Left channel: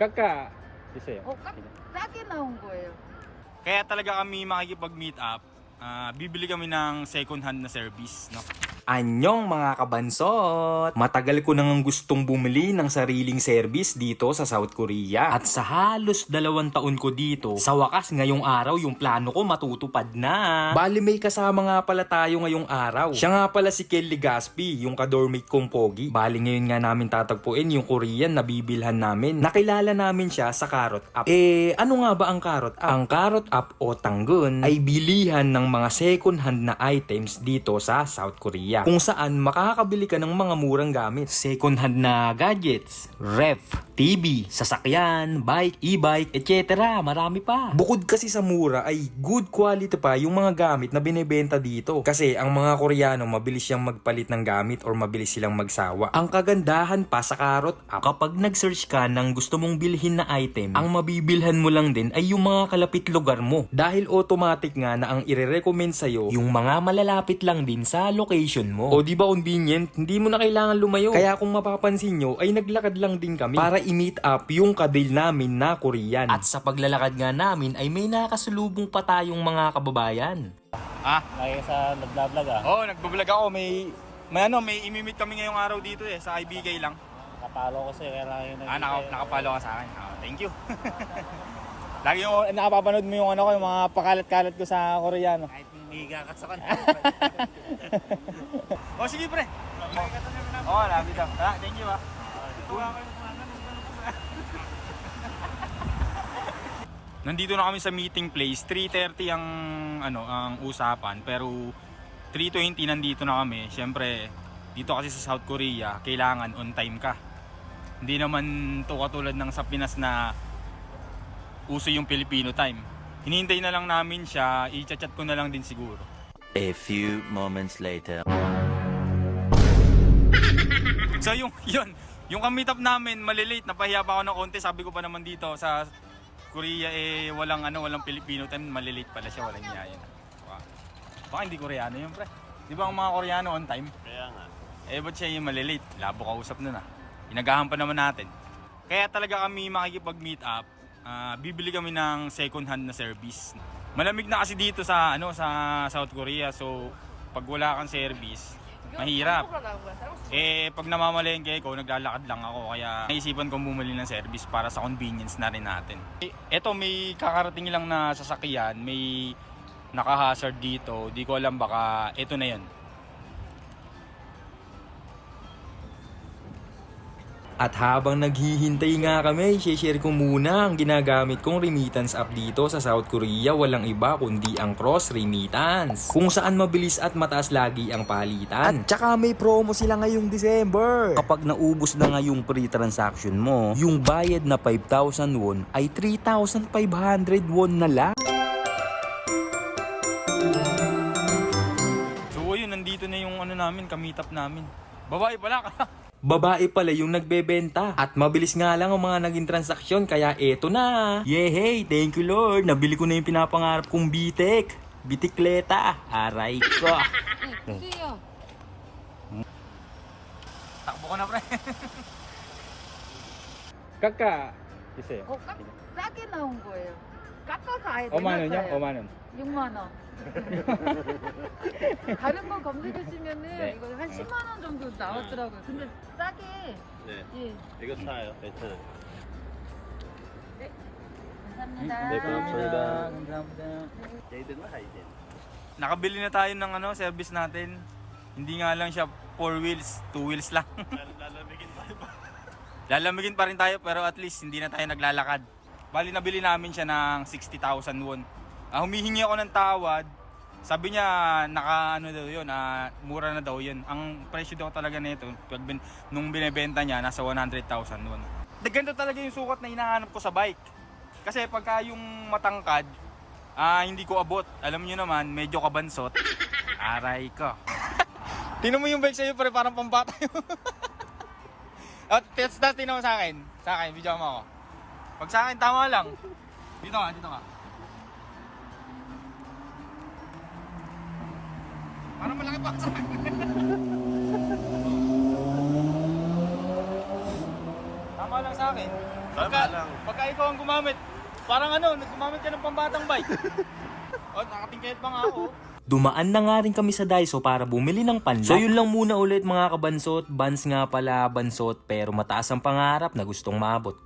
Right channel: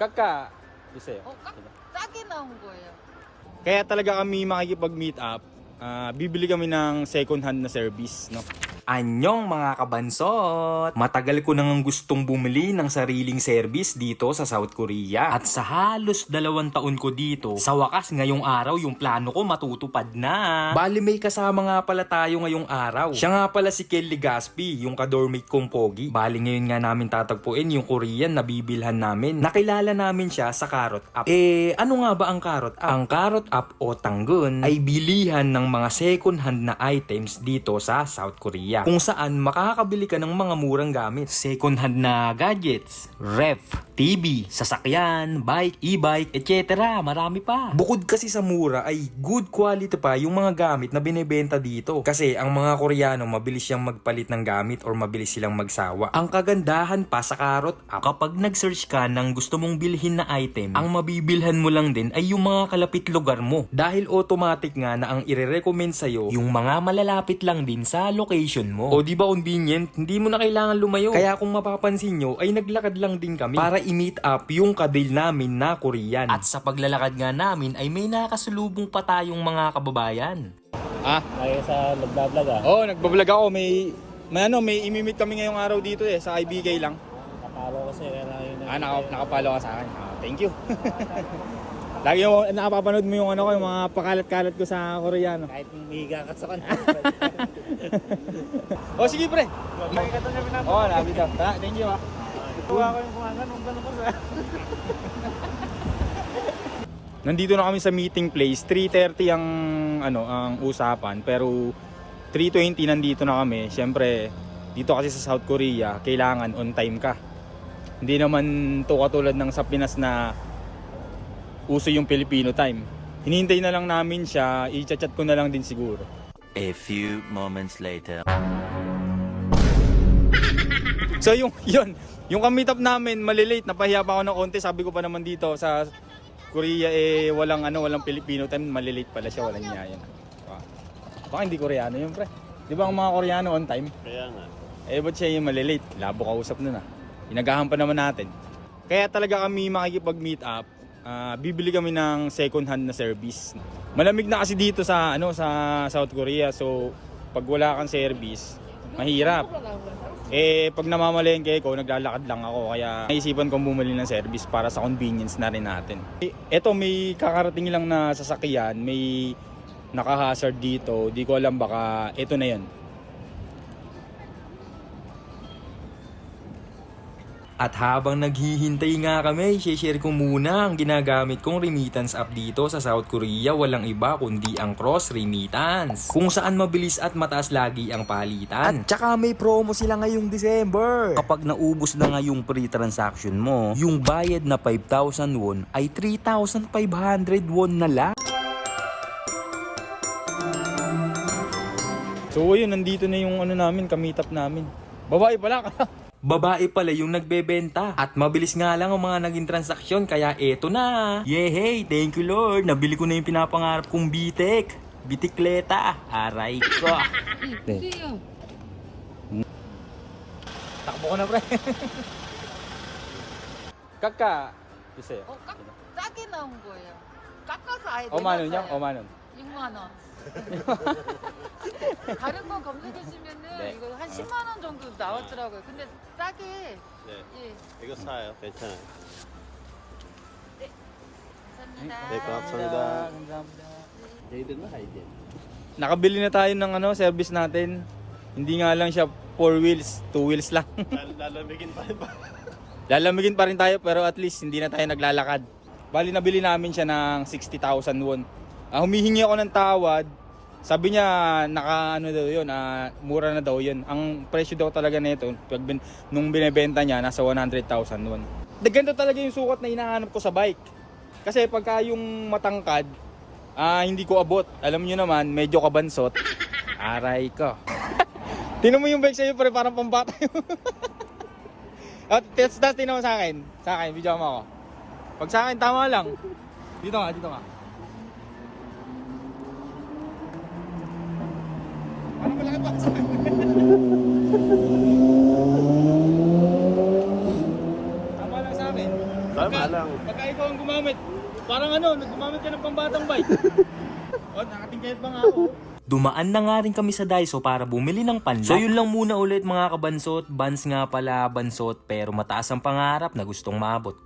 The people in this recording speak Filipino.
Kaka, Bisaya. 싸게 나온 거예요. Kaya talaga kami makikipag-meet up. Bibili kami ng second hand na service, no? Anyong mga kabansot! Matagal ko nang gustong bumili ng sariling service dito sa South Korea. At sa halos 2 taon ko dito, sa wakas ngayong araw yung plano ko matutupad na. Bali may kasama nga pala tayo ngayong araw. Siya nga pala si Kelly Gaspi, yung ka-dormate kong pogi. Bali ngayon nga namin tatagpuin yung Korean na bibilhan namin. Nakilala namin siya sa Carrot App. Ano nga ba ang Carrot App? Ang Carrot App o Tanggun ay bilihan ng mga second hand na items dito sa South Korea. Kung saan makakabili ka ng mga murang gamit. Second hand na gadgets, ref, TV, sasakyan, bike, e-bike, etc. Marami pa. Bukod kasi sa mura ay good quality pa yung mga gamit na binebenta dito. Kasi ang mga Koreano mabilis siyang magpalit ng gamit or mabilis silang magsawa. Ang kagandahan pa sa Carrot App, kapag nag-search ka ng gusto mong bilhin na item, ang mabibilhan mo lang din ay yung mga kalapit lugar mo. Dahil automatic nga na ang ire-recommend sa'yo yung mga malalapit lang din sa location mo. O di ba convenient? Hindi mo na kailangan lumayo. Kaya kung mapapansin nyo ay naglakad lang din kami para i-meet up yung kadil namin na Korean. At sa paglalakad nga namin ay may nakasalubong pa tayong mga kababayan. Ay sa nagbablog Oo, nagbablog ako. May imi-meet kami ngayong araw dito sa IBK lang. Napalo ko siya kaya yun. Nakapalo ka sa akin. Thank you. Lagi mo nakapapanood mo yung yung mga pakalat-kalat ko sa Koreano. Kahit mihiga ka sa kanila. Sige pre. Nabi daw. Thank you Tuwa ko yung ganun ko. Nandito na kami sa meeting place. 3:30 ang usapan, pero 3:20 nandito na kami. Siyempre, dito kasi sa South Korea, kailangan on time ka. Hindi naman to katulad ng sa Pinas na uso yung Filipino time. Hinihintay na lang namin siya, i-chat ko na lang din siguro. A few moments later. So yung ka-meet up namin, malilate, napahiya pa ako ng konti. Sabi ko pa naman dito sa Korea walang Filipino time, malilate pala siya, walang niya yan. Baka hindi Koreano yun, pre. Di ba ang mga Koreano on time? Kaya nga. Ba't siya yung malilate? Labo kausap na. Inagahan pa naman natin. Kaya talaga kami makikipag-meet up. Bibili kami ng second hand na service. Malamig na kasi dito sa South Korea, so pag wala kang service, mahirap. Pag namamalengke ko, naglalakad lang ako, kaya naisipan kong bumili ng service para sa convenience na rin natin. Eto, may kakarating lang na sasakyan, may naka-hazard dito, di ko alam, baka eto na yun. At habang naghihintay nga kami, share ko muna ang ginagamit kong remittance app dito sa South Korea. Walang iba kundi ang Cross Remittance, kung saan mabilis at mataas lagi ang palitan. At tsaka may promo sila ngayong December. Kapag naubos na nga yung pre-transaction mo, yung bayad na 5,000 won ay 3,500 won na lang. So ayun, nandito na yung namin, ka-meet up namin. Babae pala ka. Babae pala yung nagbebenta. At mabilis nga lang ang mga naging transaksyon, kaya eto na. Yehey, thank you Lord. Nabili ko na yung pinapangarap kong bitek. Bitikleta. Aray ko. 주세요. Takbo ko na, pre. Kaka, Bisaya. 싸게 나온 거예요. 깎아서 아예 5만 원이요? 내놨어요. 5만 원. 6만 원. 다른 건 검색해주시면은 네. 이거 한 10만 원 정도 나왔더라고요. 근데 싸게. 네. 예. 이거 사요. 괜찮아요. 감사합니다. 네, 감사합니다. Nakabili na tayo ng service natin. Hindi nga lang siya 4 wheels, 2 wheels lang. Lalamigin pa rin ba? Lalamigin pa rin tayo, pero at least hindi na tayo naglalakad. Bali, nabili namin siya ng 60,000 won. Humihingi ako ng tawad. Sabi niya daw yun, mura na daw yun. Ang presyo daw talaga nito nung binebenta niya, nasa 100,000 won. Ganito talaga yung sukat na hinahanap ko sa bike. Kasi pagka yung matangkad, hindi ko abot. Alam niyo naman, medyo kabansot. Aray ko. Tingnan mo yung bike sa'yo, parang pambata. Test that, tingnan mo sa akin. Sa akin, video mo ako. Pag sa akin, tama lang. Dito nga. Parang malaki pa sa akin. Tama lang sa akin. Pagka ikaw ang gumamit, parang ano, gumamit ka ng pambatang bike. O, nakatingkayot pa nga ako. Dumaan na nga rin kami sa Daiso para bumili ng panlock. So yun lang muna ulit mga kabansot. Bans nga pala, bansot, pero mataas ang pangarap na gustong maabot.